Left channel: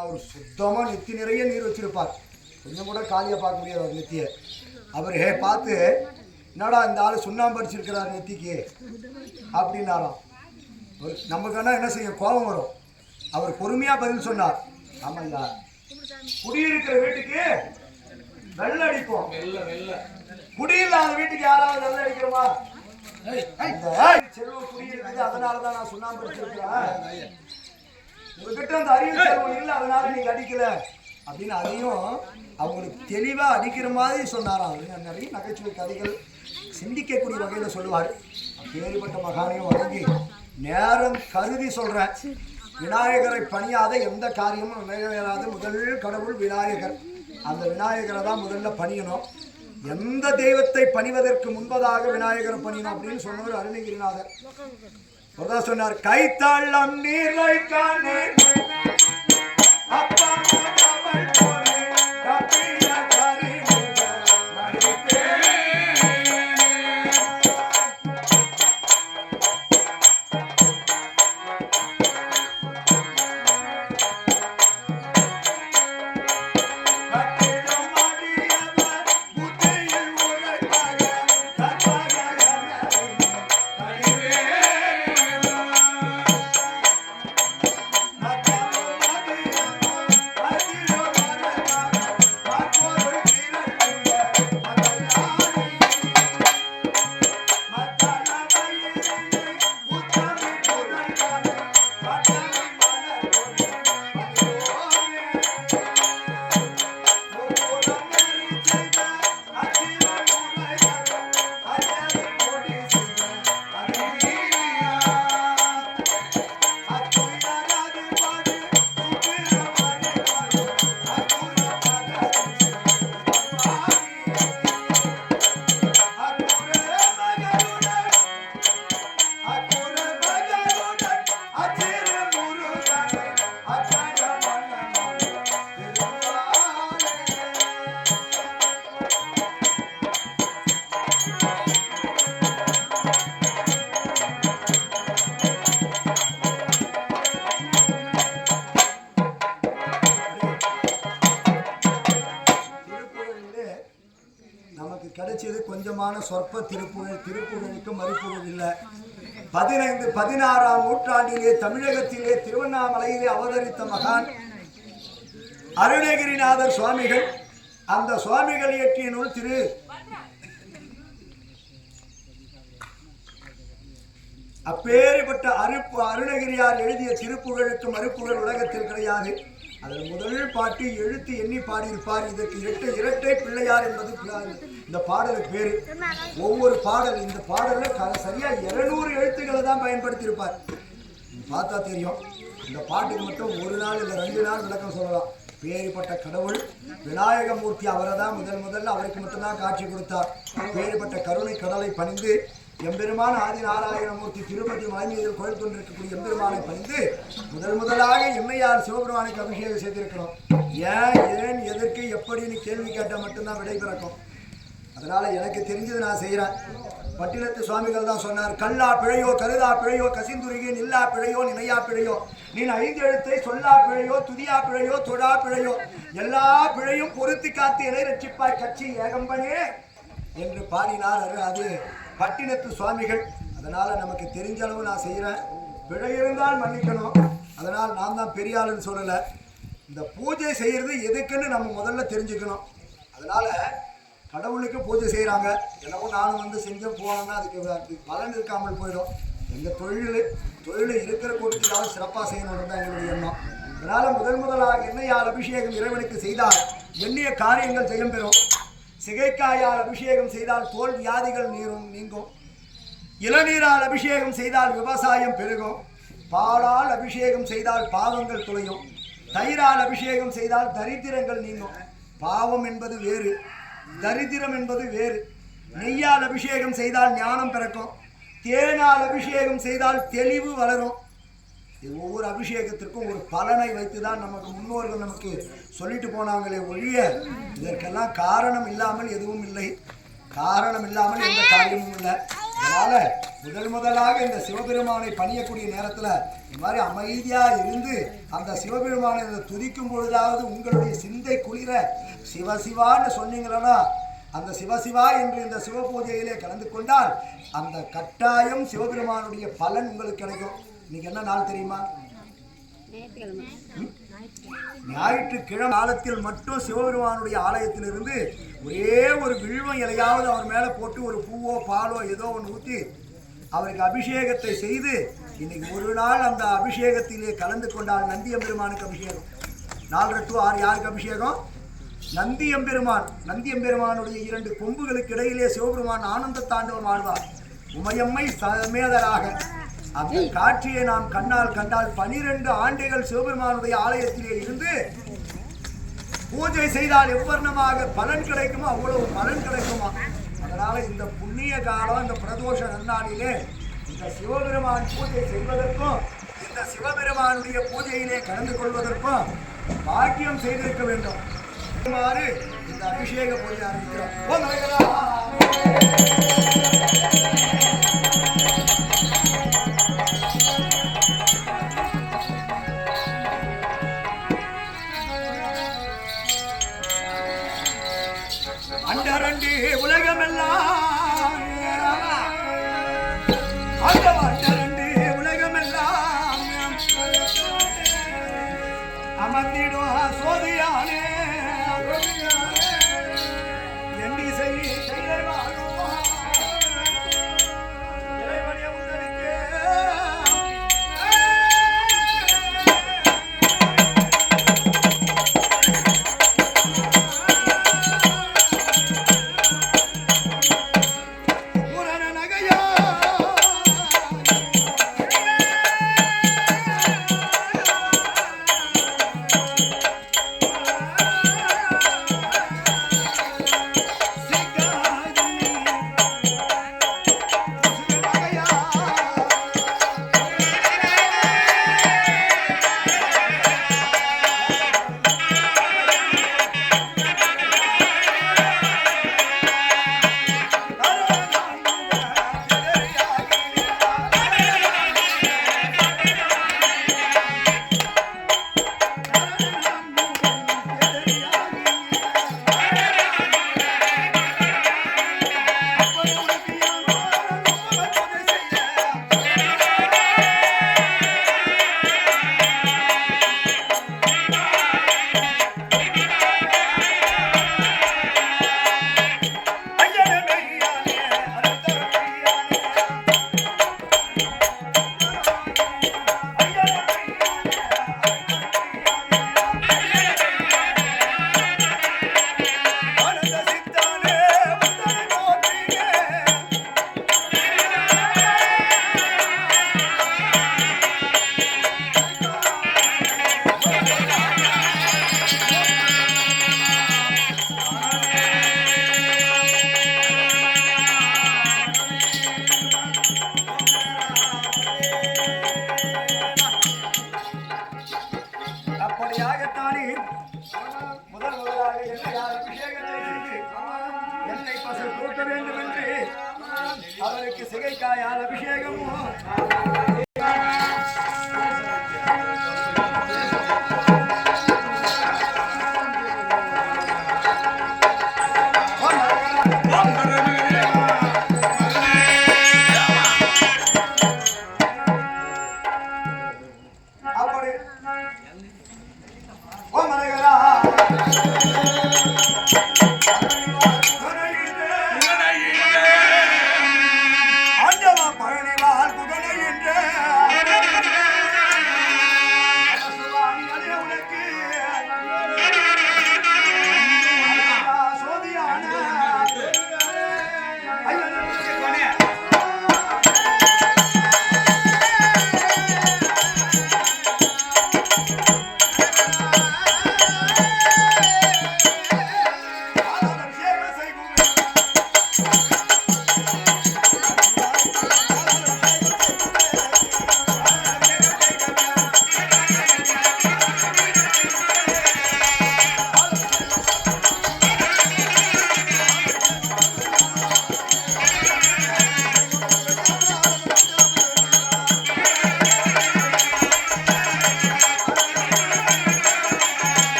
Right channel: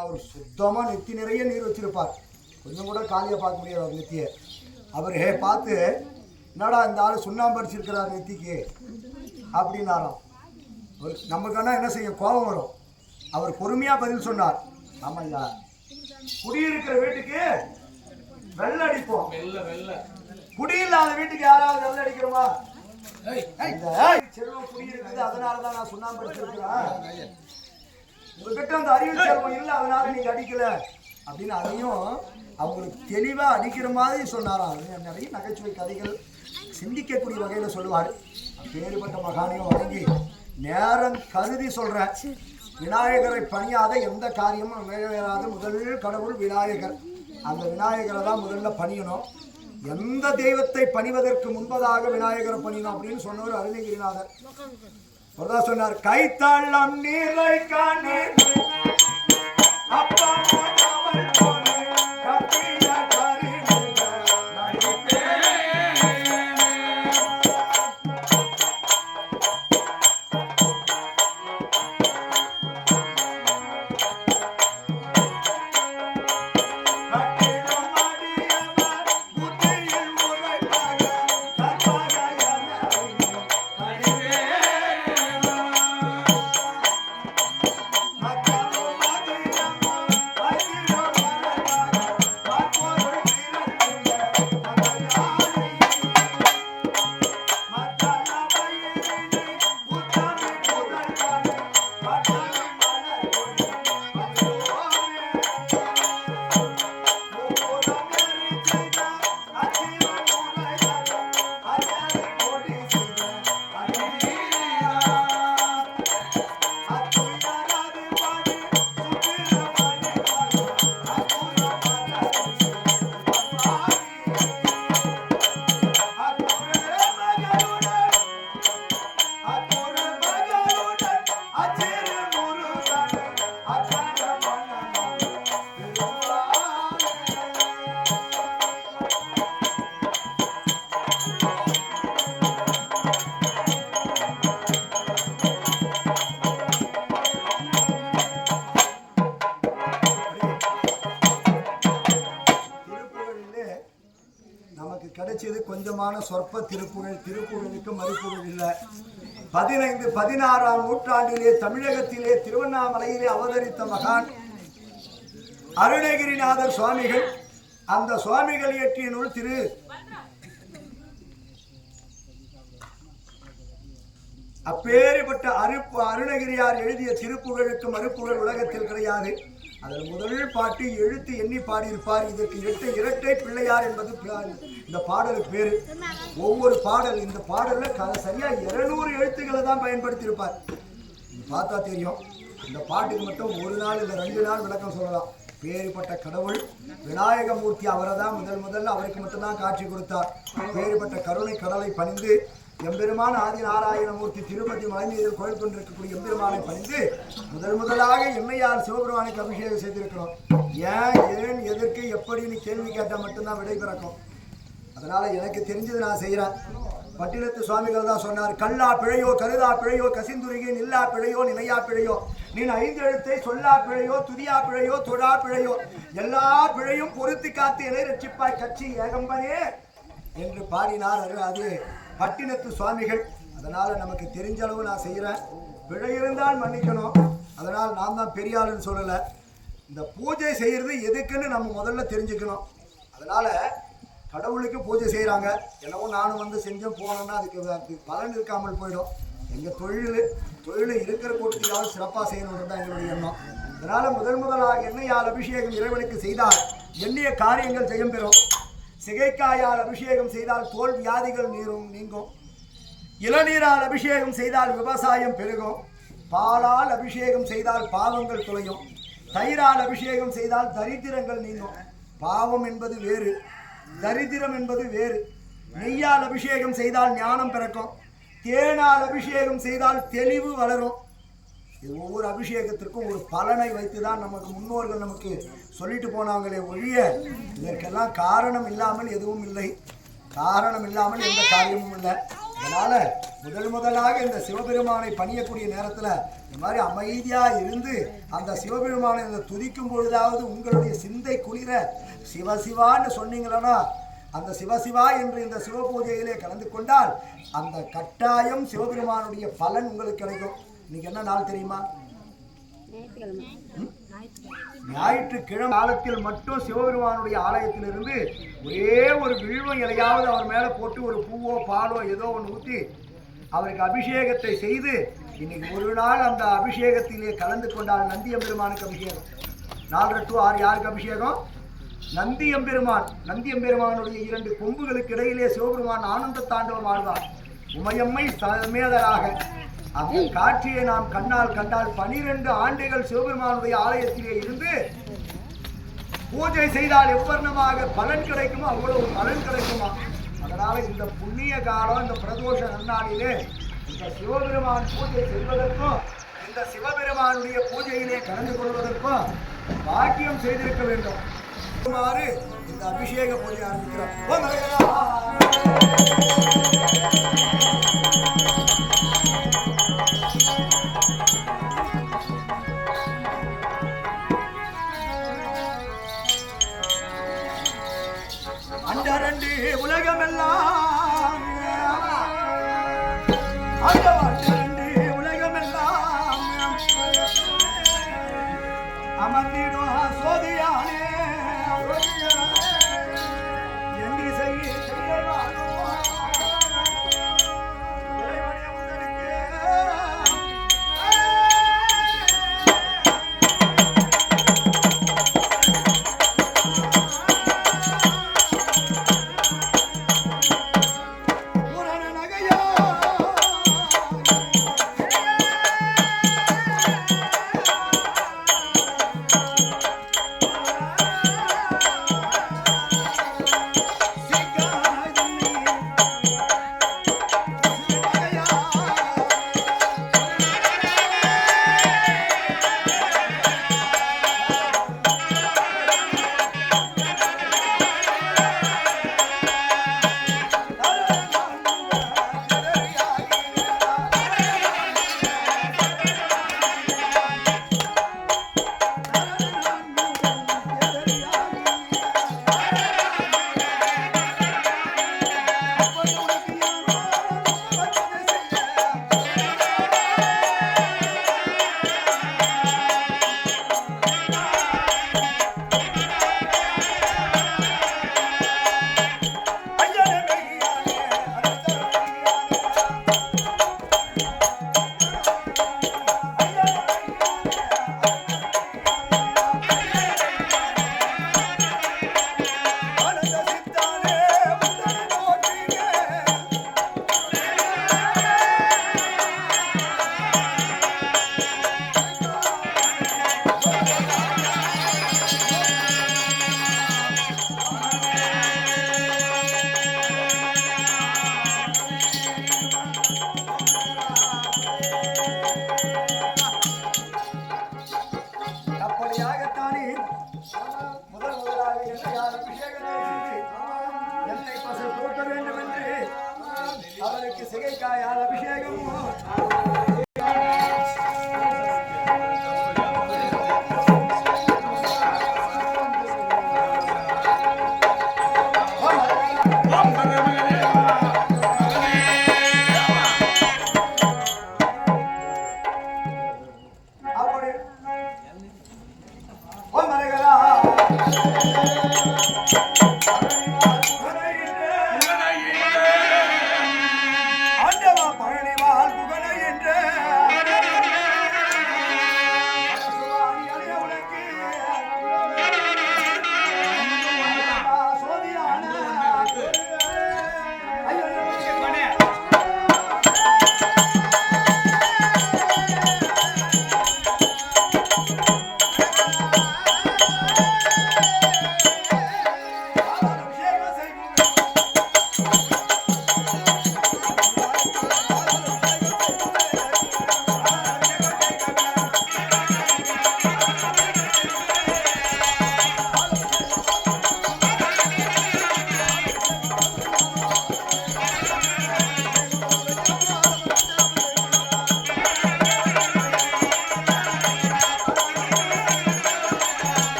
அவர் சுத்தமாக நெத்தி நிறைய நீர் வச்சிருப்பார். கொஞ்சம் கூட காலியாக பார்க்க முடியாது அவர் நெத்தியை. அவர் பார்த்து என்னடா இந்த ஆள் சுண்ணாம்பு அடிச்சிருக்கிறார் நெத்திக்கு அப்படின்னாராம். நமக்கான என்ன செய்யும், கோபம் வரும். அவர் பொறுமையாக பதில் சொன்னார். ஆமாம் ஐயா, குடியிருக்கிற வீட்டுக்கு வெள்ளை அடிப்போம், குடியில்லாத வீட்டுக்கு யாராவது வெள்ளை அடிக்கிறோமா? செல்வம் குடியிருக்குது, அதனாலதான் நான் சுண்ணாம்பு அடிச்சிருக்கிறேன். உங்ககிட்ட அந்த அறிவு செல்வம் இல்லை, அதனால நீங்க அடிக்கல அப்படின்னு அதையும் அவங்களுக்கு தெளிவா அடிக்கிற மாதிரி சொன்னாராம். நிறைய நகைச்சுவை கதைகள் சிந்திக்கக்கூடிய வகையில சொல்லுவார். வேறுபட்ட மகானையும் வழங்கி நேரம் கருதி சொல்றேன். விநாயகரை பணியாத எந்த காரியமும் நிறைவேறாத முதல் கடவுள் விநாயகர். அந்த விநாயகரை தான் முதல்ல பணியணும். எந்த தெய்வத்தை பணிவதற்கு முன்பதாக விநாயகரை பணியணும் அப்படின்னு சொன்னவர் அருணகிரிநாதர். ஒருதா சொன்னார், கைத்தாளம் நீரை காணே அப்பா கிடைச்சது கொஞ்சமான சொற்ப திருப்புகழ். திருப்புகழுக்கு மறுப்புகழ் இல்லை. 16ஆம் நூற்றாண்டிலே தமிழகத்திலே திருவண்ணாமலையிலே அவதரித்த மகான் அருணகிரிநாதர் சுவாமிகள். அந்த சுவாமிகள் இயற்றிய நூல் திரு அப்பேற்பட்ட அருணகிரியார் எழுதிய திருப்புகழுக்கு மறுப்புகழ் உலகத்தில் கிடையாது. அதில் முதல் பாட்டு எழுத்து எண்ணி பாடியிருப்பார். இதற்கு இரட்டை பிள்ளையார் என்பது இந்த பாடலுக்கு பேரு. ஒவ்வொரு பாடல், இந்த பாடலில் சரியா 200 எழுத்துக்களை தான் பயன்படுத்தியிருப்பார். பார்த்தா தெரியும். இந்த பாட்டுக்கு மட்டும் 1 நாள் இல்லை 2 நாள் விளக்கம் சொல்லலாம். பேறுபட்ட கடவுள் விநாயகமூர்த்தி, அவரை தான் முதல்ல அவருக்கு மட்டும்தான் காட்சி கொடுத்தார். பேறுபட்ட கருணை கடலை பணிந்து எம்பெருமான் ஆதி நாராயணமூர்த்தி திருப்பதி மலைமீதில் கோயில் கொண்டிருக்கக்கூடிய எம்பெருமானை பணிந்து முதலாக எம்மையார் சிவபெருமானுக்கு அபிஷேகம் செய்திருக்கிறோம். ஏன் எதற்கு எப்படின்னு கேள்வி கேட்டால் மட்டும்தான் விடை பிறக்கும். அதனால எனக்கு தெரிஞ்சது நான் செய்கிறேன். பட்டினத்து சுவாமிகள் தான் சொன்னார், கல்லா பிழையோ கருதா பிழையோ கசிந்துருகி நில்லா பிழையோ நினையா பிழையோ நீ 5 எழுத்தை சொல்லா பிழையோ துதியா பிழையோ தொடா பிழையோ எல்லா பிழையும் பொருத்தி காத்து இலை ரட்சிப்பாய் கட்சி ஏகம்பனே என்று பாடினார். அது பட்டினத்து சுவாமிகள். அதனால நமக்கு தெரிஞ்ச அளவு நான் செய்கிறேன். பிழை இருந்தால் மன்னிக்கணும். அதனால் நான் தான் பெரியாளுன்னு சொல்லலை. இந்த பூஜை செய்கிறது எதுக்குன்னு நம்ம முதல்ல தெரிஞ்சுக்கணும். அதனால கடவுளுக்கு பூஜை செய்கிறாங்க. என்னவோ நானும் செஞ்சேன் போனோன்னா அதுக்கு பலன் இருக்காமல் போயிடும். எங்கள் தொழில் இருக்கிற கூட்டத்திலாவது சிறப்பாக செய்யணுன்றது தான் எங்களுடைய எண்ணம். அதனால் முதலாக எண்ணெயால் அபிஷேகம் இறைவனுக்கு செய்தால் எண்ணிய காரியங்கள் ஜெயம் பெறும். சிகைக்காயால் அபிஷேகம் செய்தால் தோல் வியாதிகள் நீங்கும். இளநீரால் அபிஷேகம் செய்தால் விவசாயம் பெருகும். பாலால் அபிஷேகம் செய்தால் பாவங்கள் துளையும். தயிரால் அபிஷேகம் செய்தால் தரித்திரங்கள் நீங்கும். பாவம் என்பது வேறு, தரித்திரம் என்பது வேறு. நெய்யால் அபிஷேகம் செய்தால் ஞானம் பிறக்கும். தேனால் அபிஷேகம் செய்தால் தெளிவு வளரும். இது ஒவ்வொரு அபிஷேகத்திற்கும் ஒரு பலனை வைத்து தான் நமக்கு முன்னோர்கள் நமக்கு சொல்லிட்டு போனாங்களே ஒழிய இதற்கெல்லாம் காரணம் இல்லாமல் எதுவும் இல்லை. காரணம் இல்லாமல் எந்த காரியமும் இல்லை. அதனால முதலாக இந்த சிவபெருமானை பணியக்கூடிய நேரத்துல இந்த மாதிரி அமைதியா இருந்து அந்த சிவபெருமானை துதிக்கும் பொழுதாவது உங்களுடைய சிந்தை குளிர சிவசிவான்னு சொன்னீங்களா, அந்த சிவசிவா என்று இந்த சிவ பூஜையிலே கலந்து கொண்டால் அந்த கட்டாயம் சிவபெருமானுடைய பலன் உங்களுக்கு கிடைக்கும். இன்னைக்கு என்ன நாள் தெரியுமா? ஞாயிற்றுக்கிழமை காலத்தில் மட்டும் சிவபெருமானுடைய ஆலயத்திலிருந்து ஒரே ஒரு வில்வம் இலையாவது அவர் மேல போட்டு ஒரு பூவோ பாலோ ஏதோ ஒன்று ஊற்றி அவருக்கு அபிஷேகத்தை செய்து இன்னைக்கு ஒரு நாள் அந்த அபிஷேகத்திலே கலந்து கொண்டால் நந்தியம்பெருமானுக்கு அபிஷேகம். 4 to 6 யாருக்கு அபிஷேகம்? நந்தியம்பெருமான். நந்தியம்பெருமானுடைய 2 கொம்புகளுக்கு இடையிலே சிவபெருமான் ஆனந்த தாண்டவம் ஆழ்வார் உமையம்மை சமேதராக. அந்த காட்சியை நாம் கண்ணால் கண்டால் 12 ஆண்டுகள் சிவபெருமானுடைய ஆலயத்திலே இருந்து பூஜை செய்தால் எவ்வர்ணமாக பலன் கிடைக்குமோ அவ்வளவு பலன் கிடைக்குமா. அதனால இந்த புண்ணிய காலம், இந்த பிரதோஷ நன்னாளிலே இந்த சிவபெருமான் பூஜை செய்வதற்கும் இந்த சிவபெருமானுடைய பூஜையிலே கலந்து கொள்வதற்கும் பாக்கியம் செய்திருக்க வேண்டும். இந்த அபிஷேக பூஜை ஆரம்பிக்கிறோம். அண்டரண்டி உலகமெல்லாம் அண்டரண்டி உலகமெல்லாம் அமர்ந்திடும் சோதியானே எண்டி செய்ய அவருக்கு சிகைக்காயால் அபிஷேகமும்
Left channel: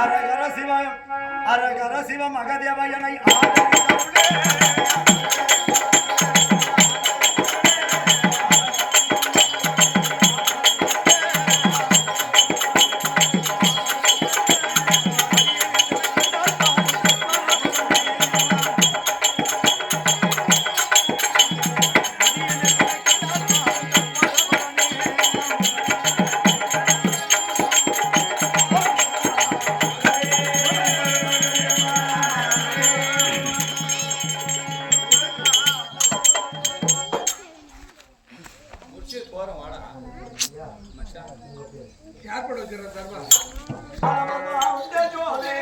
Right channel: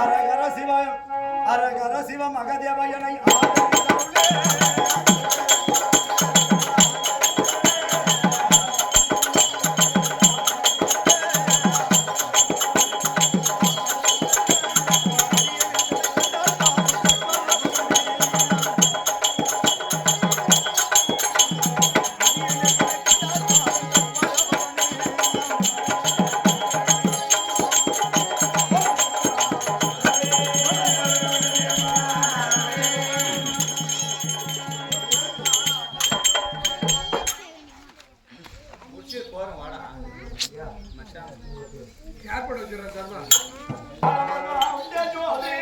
அரகர சிவம் அரகர சிவம் அகதேவயனை ஆதரித்தருளே ஏற்பட வச்சிடறேன் சார் ஜோதே